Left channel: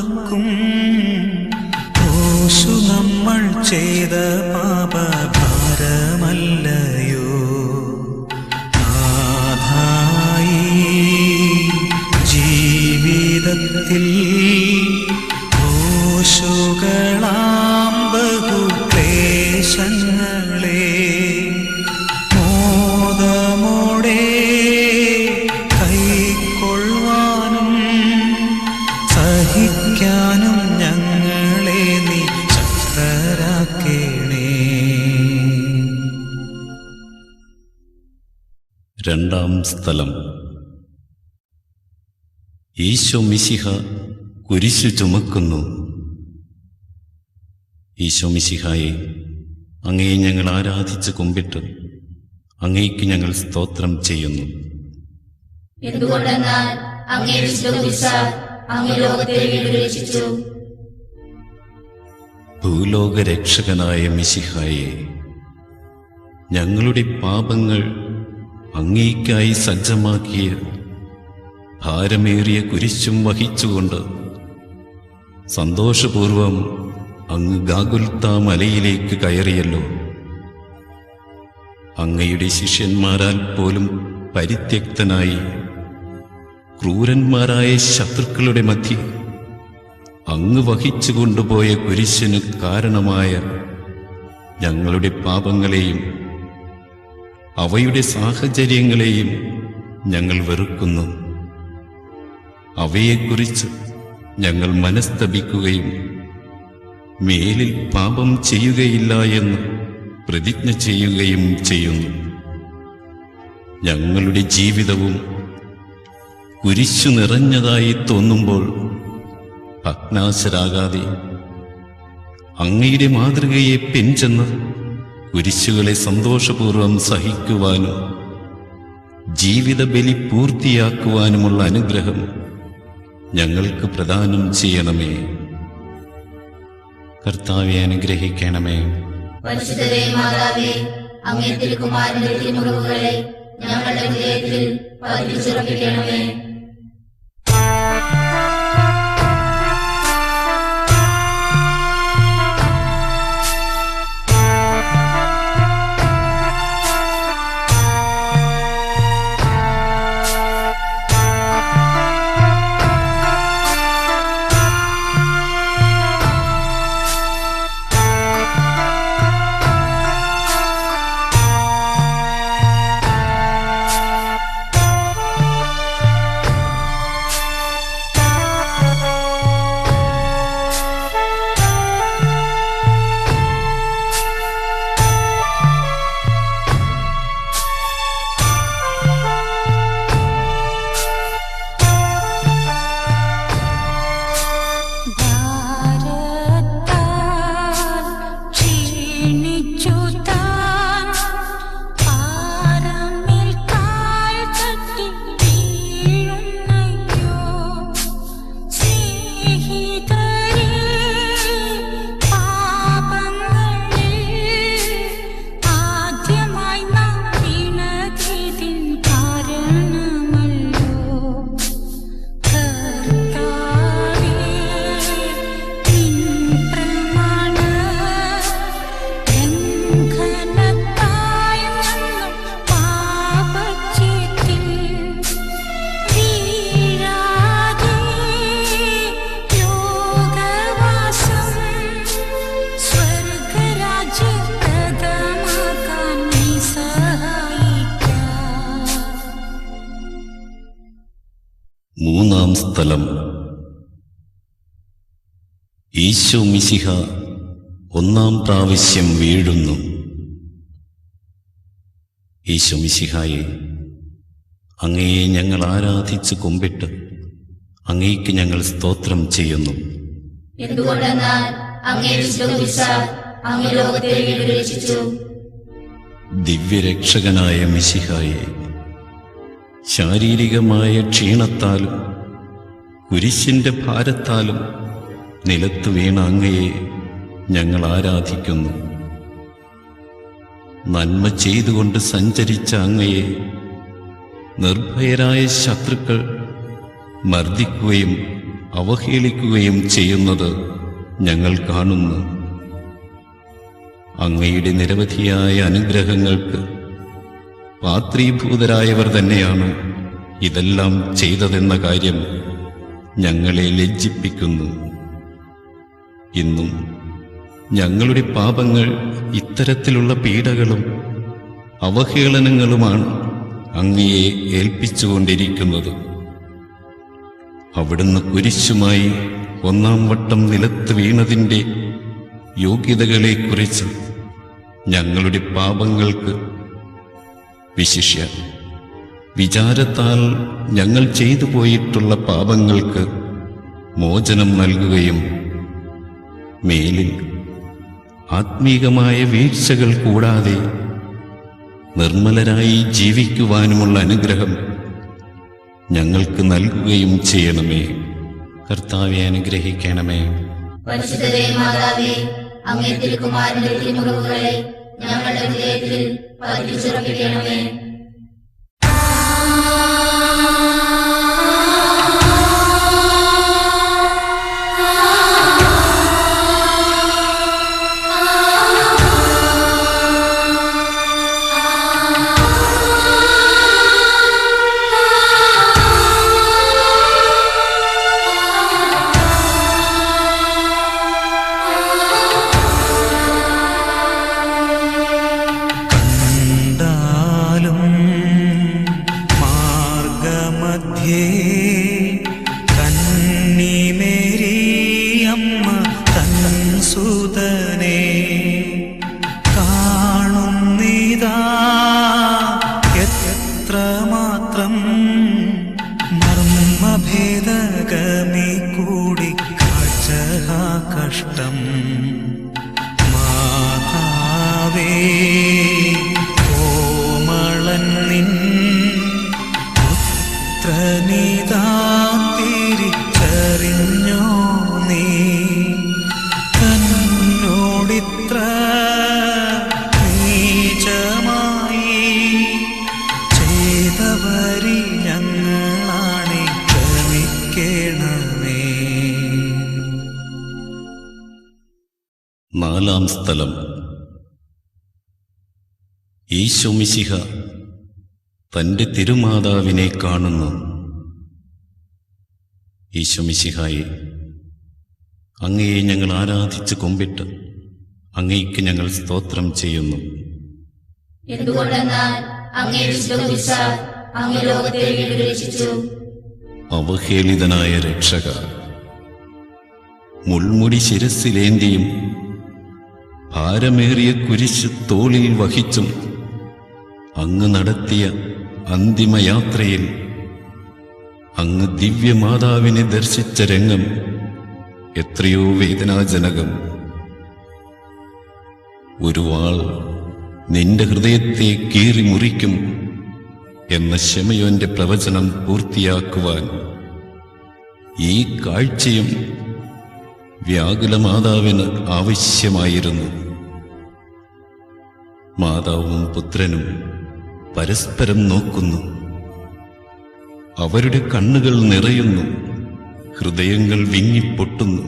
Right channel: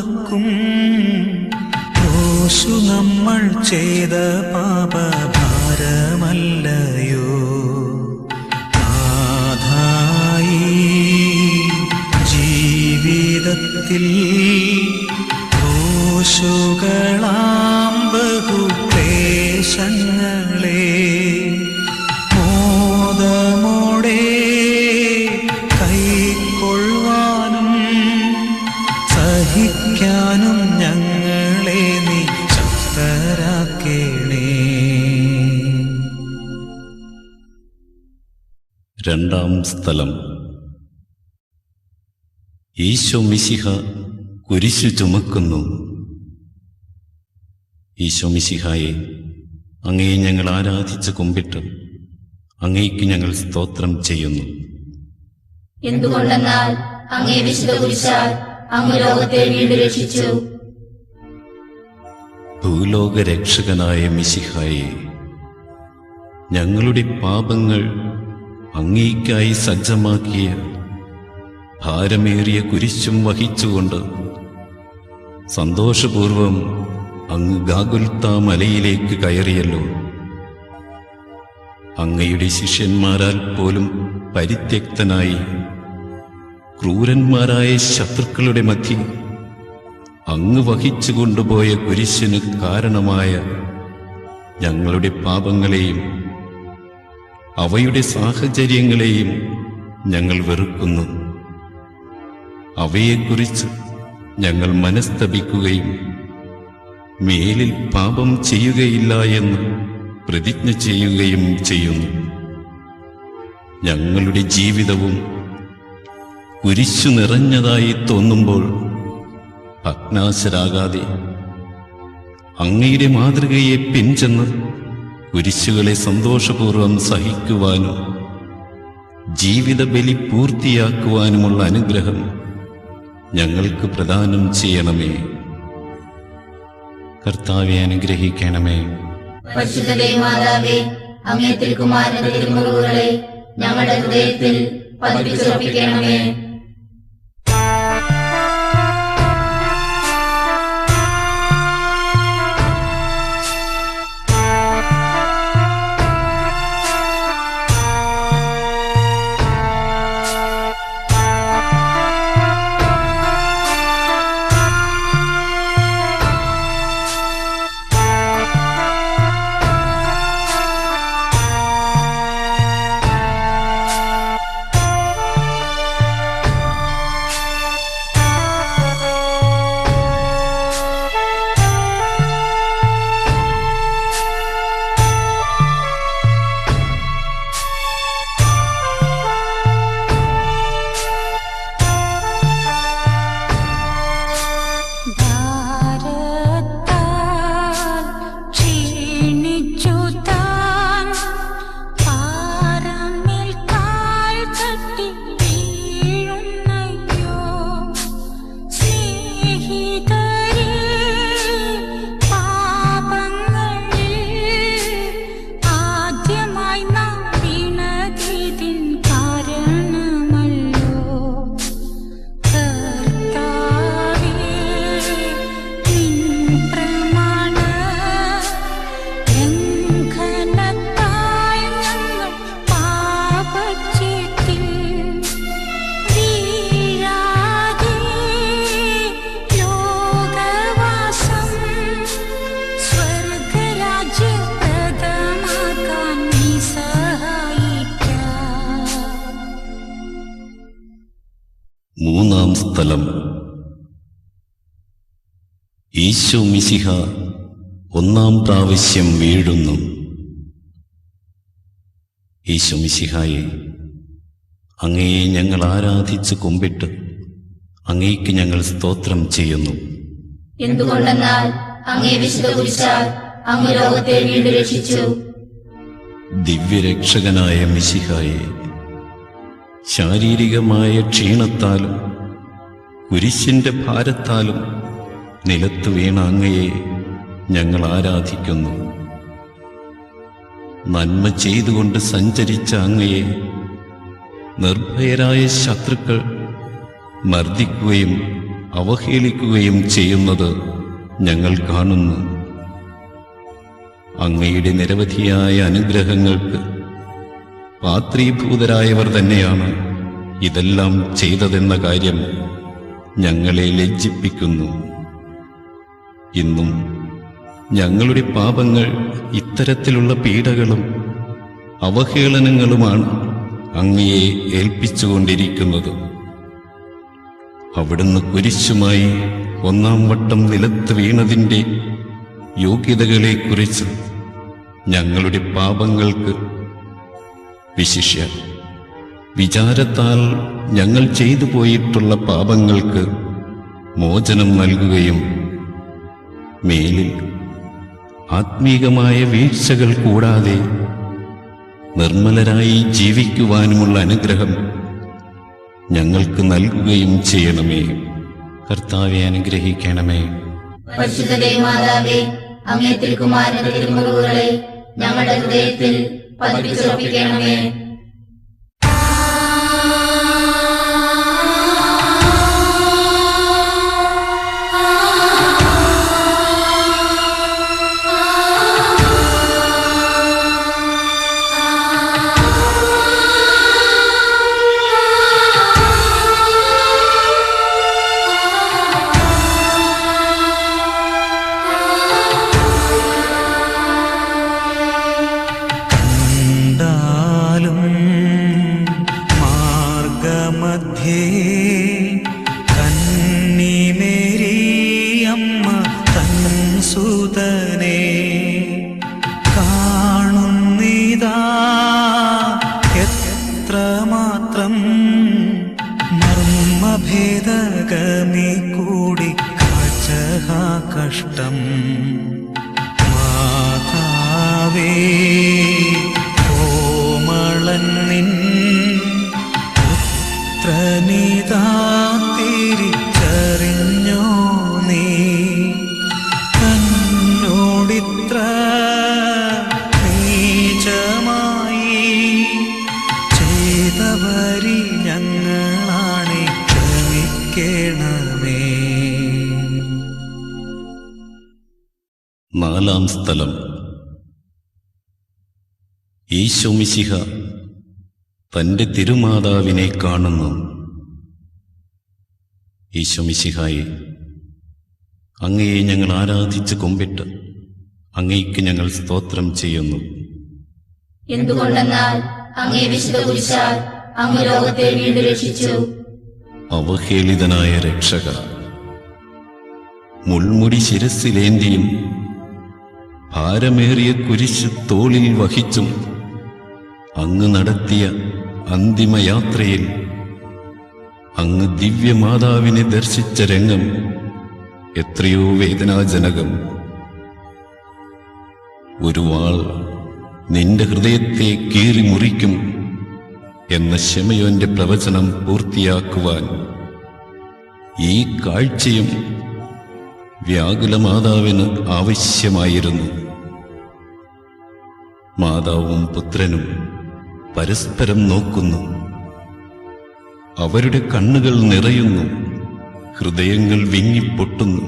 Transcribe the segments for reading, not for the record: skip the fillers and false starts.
ചുമക്കും. ക്രൂശു നമ്മൾ ചെയ്ത പാപഭാരമല്ലയോ നാഥായി ജീവിതത്തിൽ. ക്രൂശുകളാം ബഹുക്ലേശങ്ങളെ മോദമോടെ കൈക്കൊള്ളുവാനും സഹിക്കാനും ഞങ്ങളെ നീ ശക്തരാക്കേണേ. രണ്ടാം സ്ഥലം. ഈശോ മിശിഹ കുരിശു ചുമക്കുന്നു. ഈശോ മിശിഹായെ, അങ്ങയെ ഞങ്ങൾ ആരാധിച്ച് കുമ്പിട്ട് അങ്ങയ്ക്ക് ഞങ്ങൾ സ്തോത്രം ചെയ്യുന്നു. എന്തുകൊണ്ടെന്നാൽ അങ്ങേ വിശുദ്ധ കുരിശാൽ അങ്ങ് ലോകത്തെ വീണ്ടും രക്ഷിച്ചു. ഭൂലോക രക്ഷകനായ മിശിഹായെ, ഞങ്ങളുടെ പാപങ്ങൾ അങ്ങേയ്ക്കായി സജ്ജമാക്കിയ ഭാരമേറിയ കുരിശും വഹിച്ചുകൊണ്ട് സന്തോഷപൂർവം അങ്ങ് ഗാഗുൽത്താ മലയിലേക്ക് കയറിയല്ലോ. അങ്ങയുടെ ശിഷ്യന്മാരാൽ പോലും പരിത്യക്തനായി ക്രൂരന്മാരായ ശത്രുക്കളുടെ മധ്യം അങ്ങ് വഹിച്ചു കൊണ്ടുപോയ കുരിശിന് കാരണമായ ഞങ്ങളുടെ പാപങ്ങളെയും അവയുടെ സാഹചര്യങ്ങളെയും ഞങ്ങൾ വെറുക്കുന്നു. അവയെക്കുറിച്ച് ഞങ്ങൾ മനസ്തപിക്കുകയും മേലിൽ പാപം ചെയ്യുകയില്ല എന്ന് പ്രതിജ്ഞ ചെയ്യുകയും ചെയ്യുന്നു. ഞങ്ങളുടെ ജീവിതവും കുരിശു നിറഞ്ഞതായി തോന്നുമ്പോൾ ഭഗ്നാശരാകാതെ അങ്ങയുടെ മാതൃകയെ പിൻചെന്ന് കുരിശുകളെ സന്തോഷപൂർവം സഹിക്കുവാനും ജീവിത ബലി പൂർത്തിയാക്കുവാനുമുള്ള അനുഗ്രഹം ഞങ്ങൾക്ക് പ്രദാനം ചെയ്യണമേ. കർത്താവെ, അനുഗ്രഹിക്കണമേ. പരിശുദ്ധ മാതാവേ, അങ്ങേ തിരുക്കുമാരന്റെ തിരുമുറിവുകളെ ഞങ്ങളുടെ ഹൃദയത്തിൽ പതിപ്പിച്ചുറപ്പിക്കണമേ. മൂന്നാം സ്ഥലം. ഈശോ മിശിഹ ഒന്നാം പ്രാവശ്യം വീഴുന്നു. ഈശോ മിശിഹായെ, അങ്ങയെ ഞങ്ങൾ ആരാധിച്ച് കുമ്പിട്ട് അങ്ങയ്ക്ക് ഞങ്ങൾ സ്തോത്രം ചെയ്യുന്നു. എന്തുകൊണ്ടെന്നാൽ അങ്ങേ വിശുദ്ധ കുരിശാൽ അങ്ങ് ലോകത്തെ വീണ്ടും രക്ഷിച്ചു. ദിവ്യരക്ഷകനായ മിശിഹായെ, ശാരീരികമായ ക്ഷീണത്താലും കുരിശിന്റെ ഭാരത്താലും നിലത്തു വീണ അങ്ങയെ ഞങ്ങൾ ആരാധിക്കുന്നു. നന്മ ചെയ്തുകൊണ്ട് സഞ്ചരിച്ച അങ്ങയെ നിർഭയരായ ശത്രുക്കൾ മർദ്ദിക്കുകയും അവഹേളിക്കുകയും ചെയ്യുന്നത് ഞങ്ങൾ കാണുന്നു. അങ്ങയുടെ നിരവധിയായ അനുഗ്രഹങ്ങൾക്ക് പാത്രീഭൂതരായവർ തന്നെയാണ് ഇതെല്ലാം ചെയ്തതെന്ന കാര്യം ഞങ്ങളെ ലജ്ജിപ്പിക്കുന്നു. ഇന്നും ഞങ്ങളുടെ പാപങ്ങൾ ഇത്തരത്തിലുള്ള പീഡകളും അവഹേളനങ്ങളുമാണ് അങ്ങയെ ഏൽപ്പിച്ചുകൊണ്ടിരിക്കുന്നത്. അവിടുന്ന് കുരിശുമായി 1-ാം വട്ടം നിലത്ത് വീണതിൻ്റെ യോഗ്യതകളെക്കുറിച്ച് ഞങ്ങളുടെ പാപങ്ങൾക്ക്, വിശിഷ്യ വിചാരത്താൽ ഞങ്ങൾ ചെയ്തു പോയിട്ടുള്ള പാപങ്ങൾക്ക് മോചനം നൽകുകയും മേലിൽ ആത്മീകമായ വീഴ്ചകൾ കൂടാതെ നിർമ്മലരായി ജീവിക്കുവാനുമുള്ള അനുഗ്രഹം ഞങ്ങൾക്ക് നൽകുകയും ചെയ്യണമേ. കർത്താവെ, അനുഗ്രഹിക്കണമേ. പരിശുദ്ധ മാതാവേ, അങ്ങേ തിരുക്കുമാരന്റെ തിരുമുറിവുകളെ ഞങ്ങളുടെ ഹൃദയത്തിൽ പതിപ്പിച്ചുറപ്പിക്കണമേ. മാർഗമധ്യേ കന്നിമേരിയമ്മ തൻ സുതനെ കാണുന്നിതാ എത്രമാത്രം മർമ്മഭേദകമീ കൂടി കാഴ്ച കഷ്ടം. മാതാവേ, പുത്രനിതാ തിരിച്ചറിഞ്ഞോ നീ തന്നോടിത്ര നീചമായി ചെയ്തവരി ഞങ്ങളാണെ ക്ഷമിക്കണമേ. 4-ാം സ്ഥലം. ഈശോ മിശിഹ തന്റെ തിരുമാതാവിനെ കാണുന്നു. ഈശോ മിശിഹായെ, അങ്ങയെ ഞങ്ങൾ ആരാധിച്ച് കുമ്പിട്ട് അങ്ങയ്ക്ക് ഞങ്ങൾ സ്തോത്രം ചെയ്യുന്നു. എന്തുകൊണ്ടെന്നാൽ അങ്ങേ വിശുദ്ധ കുരിശാൽ അങ്ങ് ലോകത്തെ വീണ്ടും രക്ഷിച്ചു. അവഹേളിതനായ രക്ഷക, മുൾമുടി ശിരസ്സിലേന്തിയും ഭാരമേറിയ കുരിശ് തോളിൽ വഹിച്ചും അങ്ങ് നടത്തിയ അന്തിമയാത്രയിൽ അങ്ങ് ദിവ്യമാതാവിനെ ദർശിച്ച രംഗം എത്രയോ വേദനാജനകം. ഒരു വാൾ നിന്റെ ഹൃദയത്തെ കീറി മുറിക്കും എന്ന ശമയോന്റെ പ്രവചനം പൂർത്തിയാക്കുവാൻ ഈ കാഴ്ചയും വ്യാകുല മാതാവിന് ആവശ്യമായിരുന്നു. മാതാവും പുത്രനും പരസ്പരം നോക്കുന്നു. അവരുടെ കണ്ണുകൾ നിറയുന്നു, ഹൃദയങ്ങൾ വിങ്ങിപ്പൊട്ടുന്നു.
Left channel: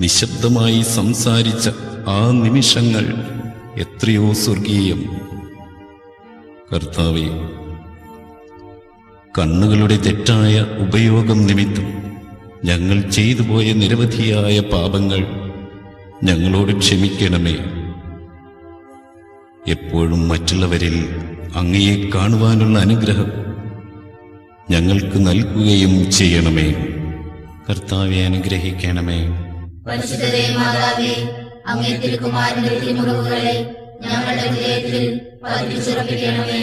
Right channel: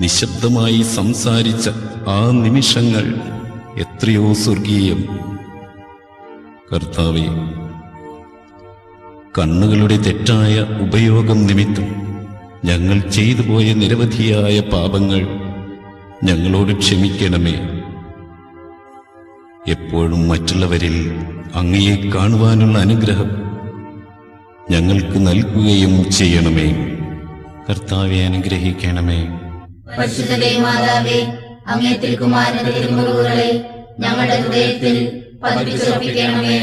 നിശബ്ദമായി സംസാരിച്ച ആ നിമിഷങ്ങൾ എത്രയോ സ്വർഗീയം. കർത്താവേ, കണ്ണുകളുടെ തെറ്റായ ഉപയോഗം നിമിത്തം ഞങ്ങൾ ചെയ്തു പോയ നിരവധിയായ പാപങ്ങൾ ഞങ്ങളോട് ക്ഷമിക്കണമേ. എപ്പോഴും മറ്റുള്ളവരിൽ അങ്ങയെ കാണുവാനുള്ള അനുഗ്രഹം ഞങ്ങൾക്ക് നൽകുകയും ചെയ്യണമേ. കർത്താവെ, അനുഗ്രഹിക്കണമേ. പരിശുദ്ധ മാതാവേ, അങ്ങേ തിരുക്കുമാരന്റെ തിരുമുറിവുകളെ ഞങ്ങളുടെ ഹൃദയത്തിൽ പതിപ്പിച്ചുറപ്പിക്കണമേ.